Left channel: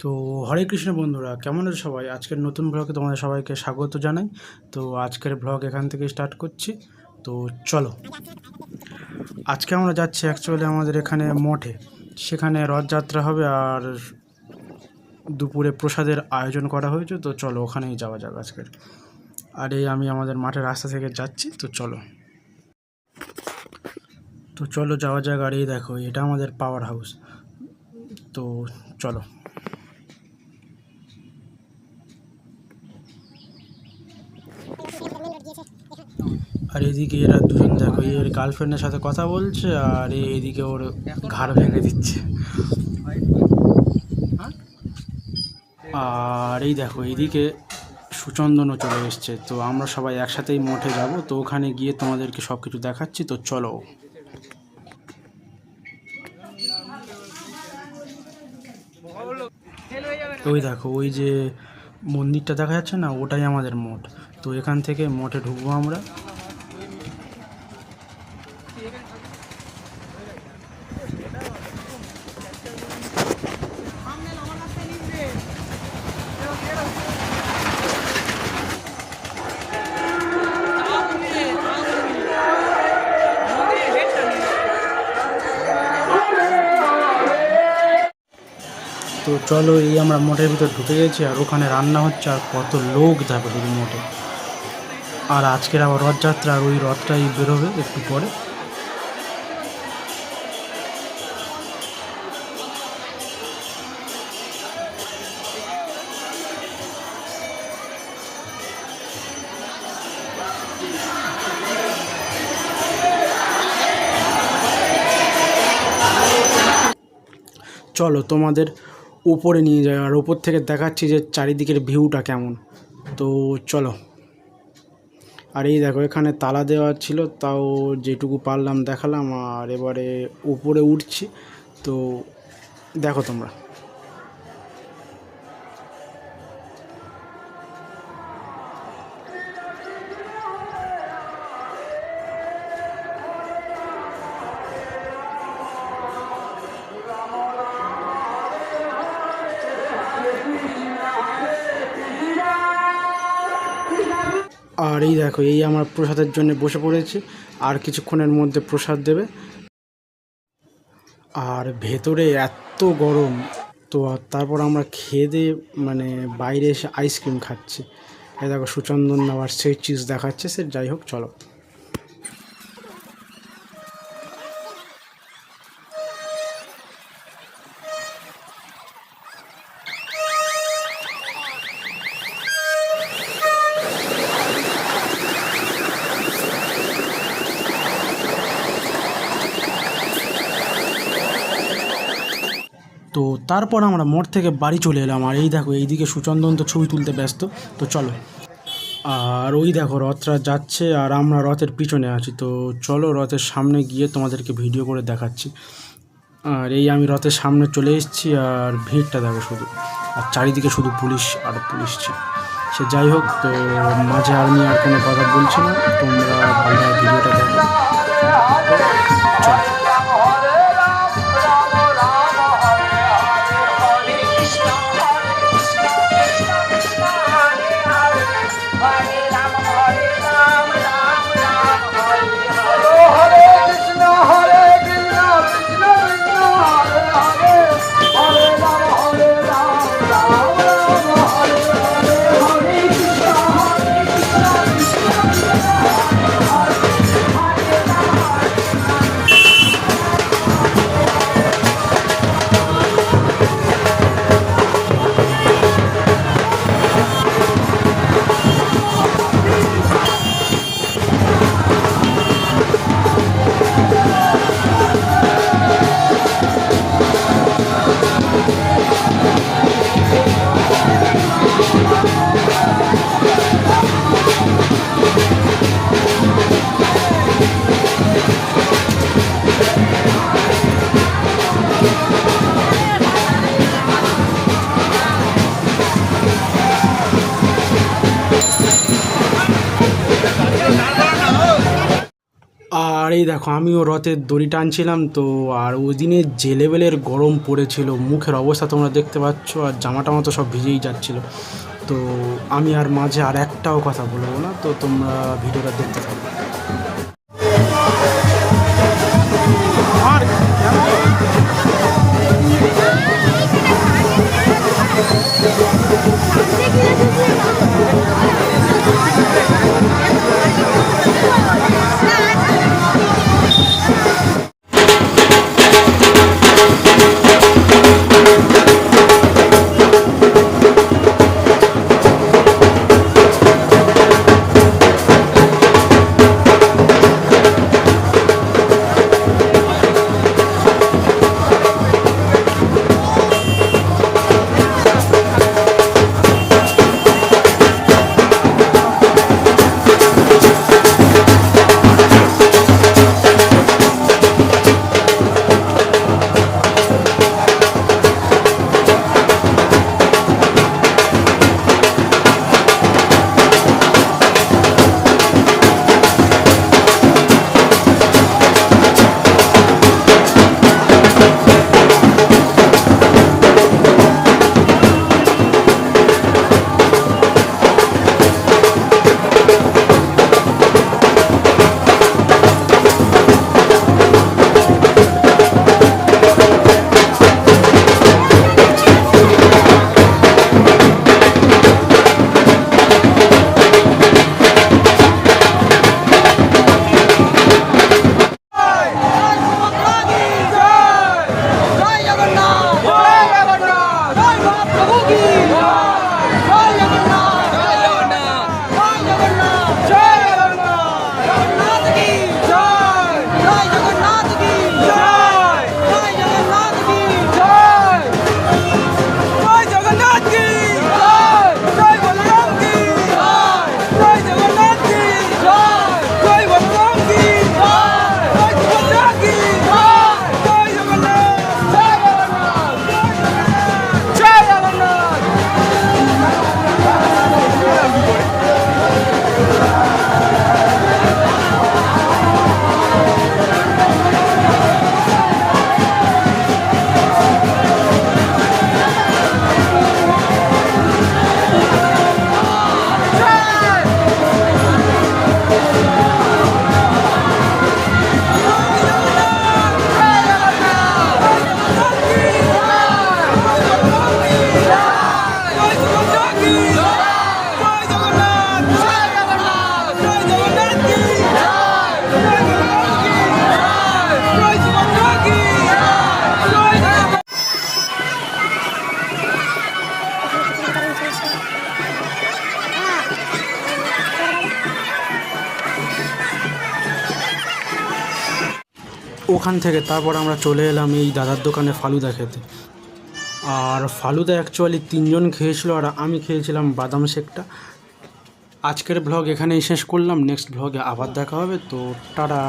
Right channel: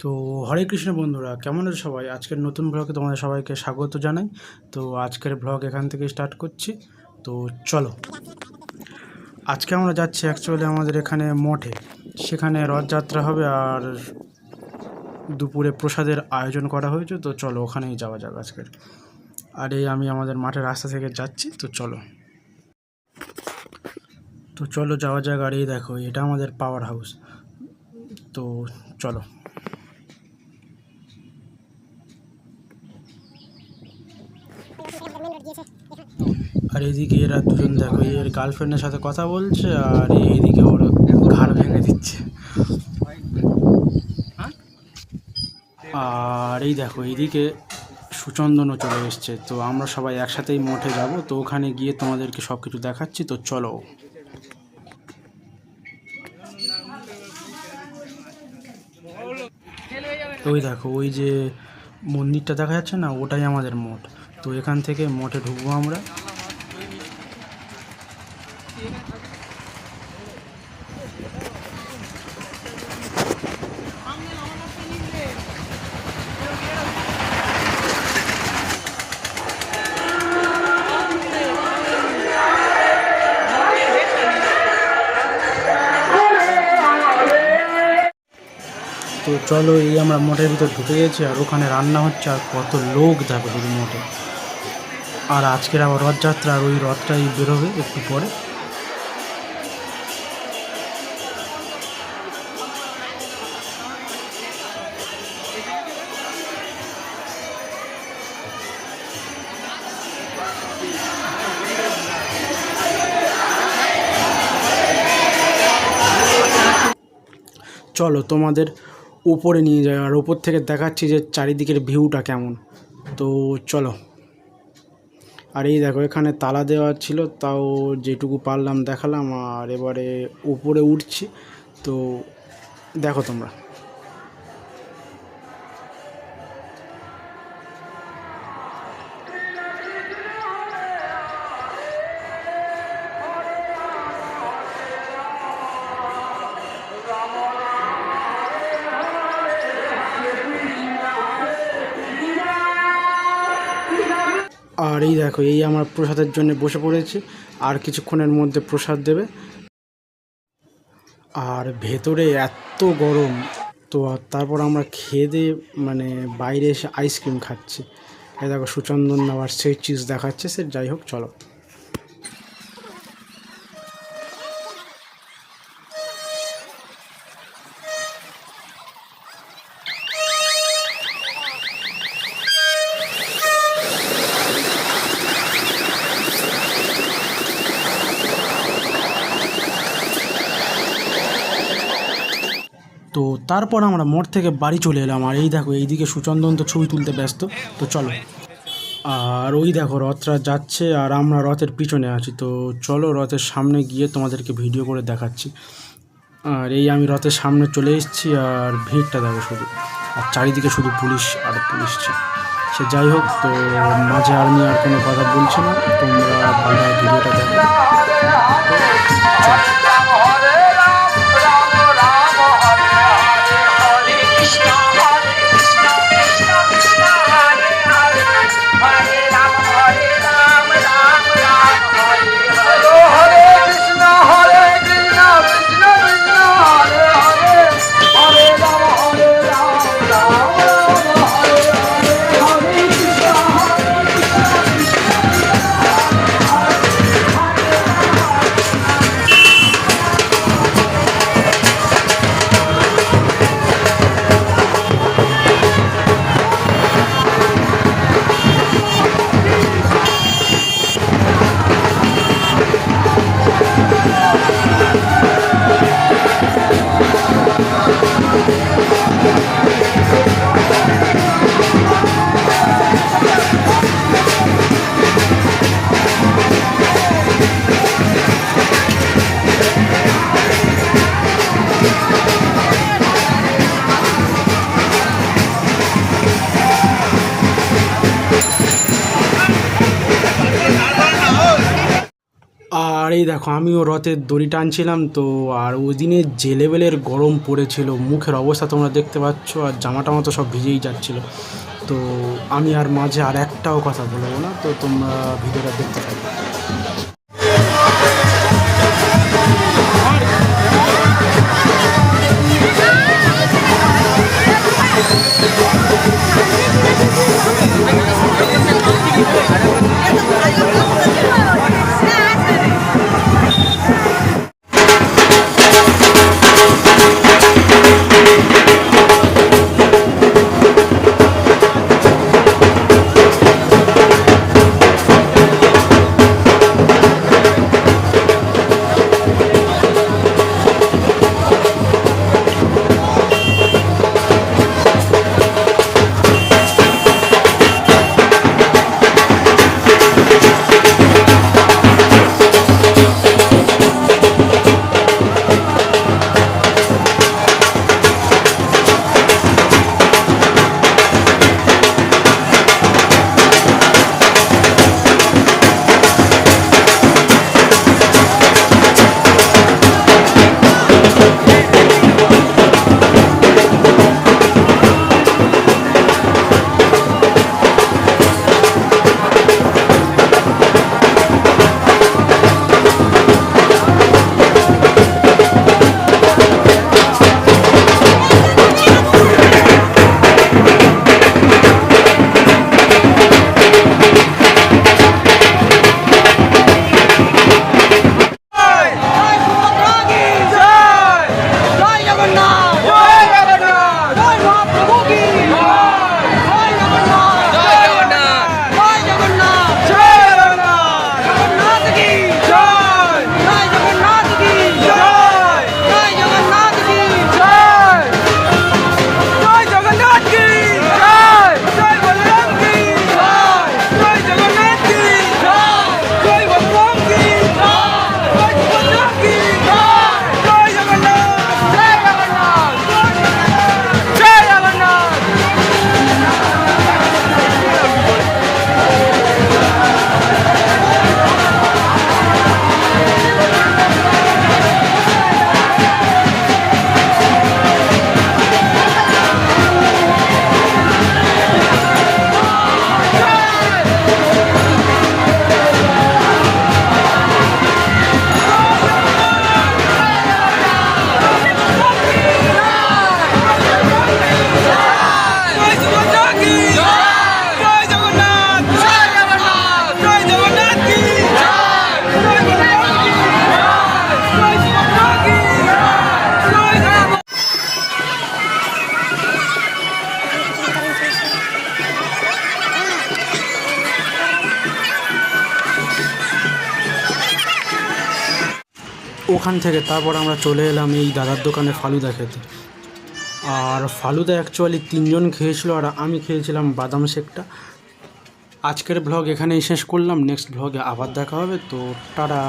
তো হরে কৃষ্ণ বন্ধুরা, কেমন আছো সবাই? আজকের নতুন ব্লগে তোমাদের সবাইকে স্বাগত জানাই। তো আজকের ব্লগ এখান থেকে স্টার্ট করছি। তো চলো, আজকে আমরা যাচ্ছি অ্যাকচুয়ালি আমাদের এখানে মঠে, সেখানে রথযাত্রা হবে আর দুপুরে প্রসাদের আয়োজন করা হয়েছে। তো চলো ওখানেই যাওয়া যাক আজকের। আর এই আমি আমাদের মাঠের রাস্তা থেকে যাচ্ছি। তো চলো যাওয়া যাক। আর এই দেখো, এটা আমাদের পাওয়ার হাউস। তো চলো। আর এদিকে এরা দুজন দেখো, এর গার্লফ্রেন্ডের সাথে কথা বলছে আর এইদিকে ওর ঘাড় ভেঙে দিচ্ছে। আর এই দেখো, এইদিকে সুচন্দনও চলে এসছে। তো আমরা সবাই একসাথেই মঠে যাব। তো ওখানে গিয়ে তোমাদেরকে সব কিছু দেখাচ্ছি। তো চলো। ওই দেখো, ওই যে মন্দিরটা দেখা যাচ্ছে না, ওটাই আমাদের মঠ। তো এখান থেকে মঠে ঢুকবো আমরা। তো চলো, এই আমরা মঠের ভিতর ঢুকে গেছি আর ওখানে রান্না হচ্ছে আর কত লোক যাবে শুধু মঠে। আর আজকের আবার রথযাত্রা, আর ওই রথটাই বেরোবে একটু পরে। চলো তোমাদের উপরে নিয়ে যাই আর উপর থেকে দেখাচ্ছি যে চারিদিকের ভিউটা কেমন। তো চলো। আর এই দেখো, এখানে তালা দেওয়া ছিল, তাও যেটুকু পারলাম দেখালাম। আর এবারে উপরে উঠছি। তো দেখো তোমরা। আর এই দেখো, এই আমার প্রসাদের জন্য বসে পড়েছি। আর কিছুক্ষণের মধ্যে প্রসাদ দেবে। আর ভেতরে এত গরম। তো তারপর আমরা খেয়ে দিয়ে মানে বাইরে এসে আইসক্রিম খাচ্ছি। এই দেখো, সুচন্দন আবার সেই চিজ দেখাচ্ছে। সে যাই হোক, চলো। তো তারপর আমরা মোড় থেকে বাড়ি চলে এলাম। আর এই দেখো, এইদিকে সুচন্দন তো ছবি তুলতে ব্যস্ত। তো চলো। আর ওই দেখো, রথটা যাচ্ছে আর আমরা রথের পিছনে আছি। তো চলো, রথের সামনে গিয়ে তোমাদেরকে ভিডিও করে দেখাচ্ছি। আর এই আমি রথের সামনে চলে এসেছি। আর ভিড়টা দেখো শুধু, আর চারিদিকে শুধু পুলিশ আর পুলিশ। সে যাই হোক, তো মাঝে আমি আর কোনো কথা বলছি না, তোমরা ভালো ভিডিওটা দেখো। চলো। আর এই দেখো আমিও রথের দড়ি টানছিলাম তো। আর ওই দিনে যে লেভেলের গরম পড়েছিল, মুখের অবস্থা তোমরা দেখতে পাচ্ছ, আর জামা টামা তো সব ভিজেই যাচ্ছিল। তো আমি আর মাঝে আর একটাও কথা বলবো না, তো তোমরা ভিডিওটা দেখতে থাকো। ওখান থেকে তারপর আমরা চলে এলাম এই দাদার দোকানে ফালুদা খেতে। আর ফালুদা অ্যাকচুয়ালি 3 জন খেয়েছিল, আর আমি খেয়েছিলাম বাদাম শেকটা। আজকের ব্লগ এখানেই শেষ করলাম, নেক্সট ব্লগে আবার দেখা হবে, তো টাটা।